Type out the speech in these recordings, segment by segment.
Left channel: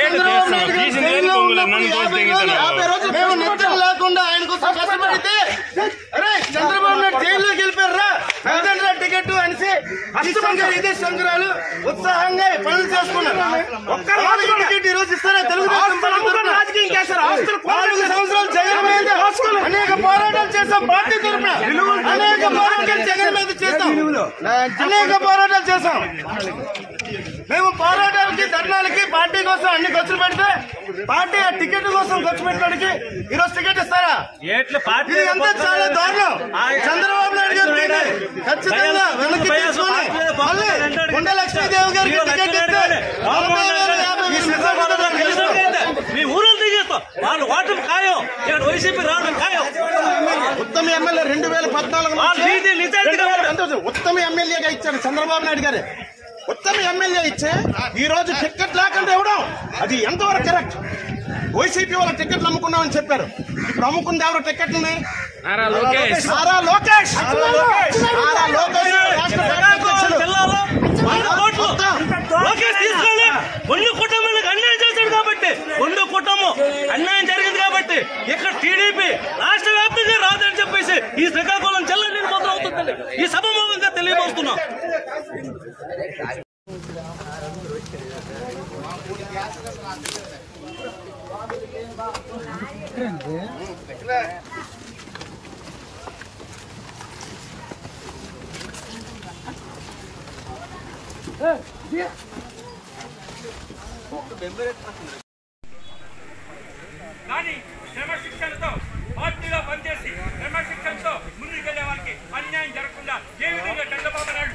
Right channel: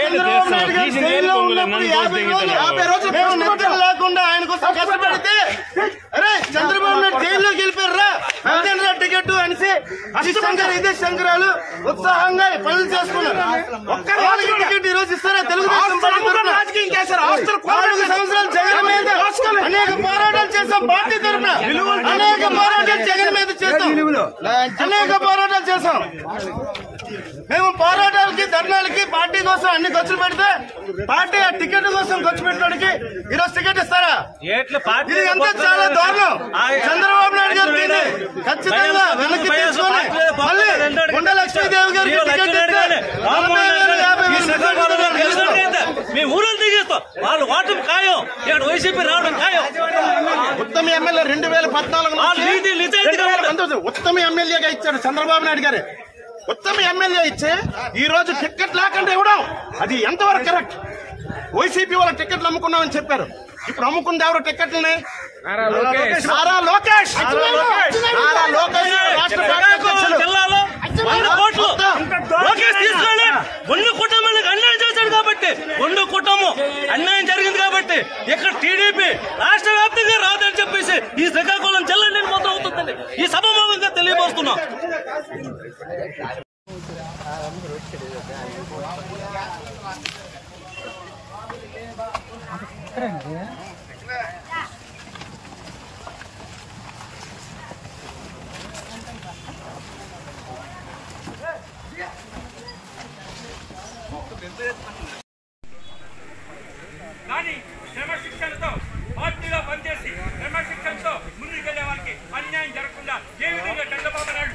చంద్రబాబు నాయుడు గారు జైల్లో ఉన్నప్పుడు 50 రోజులు మేము నిద్ర లేకుండా ఆయన కోసం కష్టపడితే అరే చంద్రబాబు నాయుడు జైల్లోకి వెళ్ళిపోయారా వెళ్తారా టికెట్ అనేసి ఇదే సంక్రాలు ఉత్సాహంగా పనులు చేసుకున్నారు. వాళ్ళకి టికెట్ ఈ రోజు ఇస్తారా? తెలుగుదేశం 4 సంవత్సరాలు జగన్ మీద అనేక పోరాటాలు చేస్తాం. పార్టీ తరఫున అనేక పోరాటాలు జగన్ మీద చేస్తాం. అనేక పోరాటాలు చేస్తాం. మేము పోరాటాలకి ధర్నాలకి పార్టీ కోసం అన్ని ఖర్చులు పెడితే పార్టీ ఆ టికెట్ కోసం ఖర్చు పెట్టడానికి ఈరోజు టికెట్ ఇస్తారా? ఇది అంతా చాలా దారుణం. చంద్రబాబు నాయుడు గారు ఖచ్చితంగా వెనక్కి తీసుకుని మళ్ళీ కొండ లక్ష్మీదేవి గారికి టికెట్ ఇస్తే 40,000 ఉత్తమ ఎమ్మెల్యే 2014 ఉత్తమ ఎమ్మెల్యేగా ఇచ్చాడు చంద్రబాబు నాయుడు గారే. ఉత్తమ ఎమ్మెల్యే ఇచ్చే ఈ రోజు టికెట్ లేకుండా ఇవ్వడం అది ఎంతవరకు కరెక్ట్? వైసీపీ వాళ్ళ టికెట్లు అమ్ముకున్నామని చెప్పారు. ఇప్పుడు అమ్ముకుంది ఎవరు టికెట్లని? నారా లోకేష్ రాష్ట్ర పార్టీ అధ్యక్షులు. రెండు కుటుంబానికి అన్యాయం చేశాడు కాబట్టి, రెండు కుటుంబం అన్యాయం జరిగింది కాబట్టి ఇక్కడ టీడీపీ రాష్ట్ర వ్యాప్తంగా రాదని చెప్పేసి ఈ శ్రీకాకుళం జిల్లా నిర్మాణం అవుతుందని ఈ సభాముఖంగా తెలియబోస్తున్నాం. కానీ క్రమశిక్షణతో పార్టీలో పనిచేసి క్రమశిక్షణతో ముందుకెళ్లే వాళ్ళకి అన్యాయం జరగకుండా ఏ విధంగా చంద్రబాబు నాయుడు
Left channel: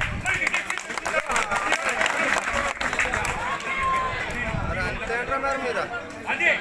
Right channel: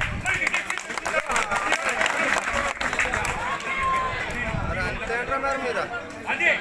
అదే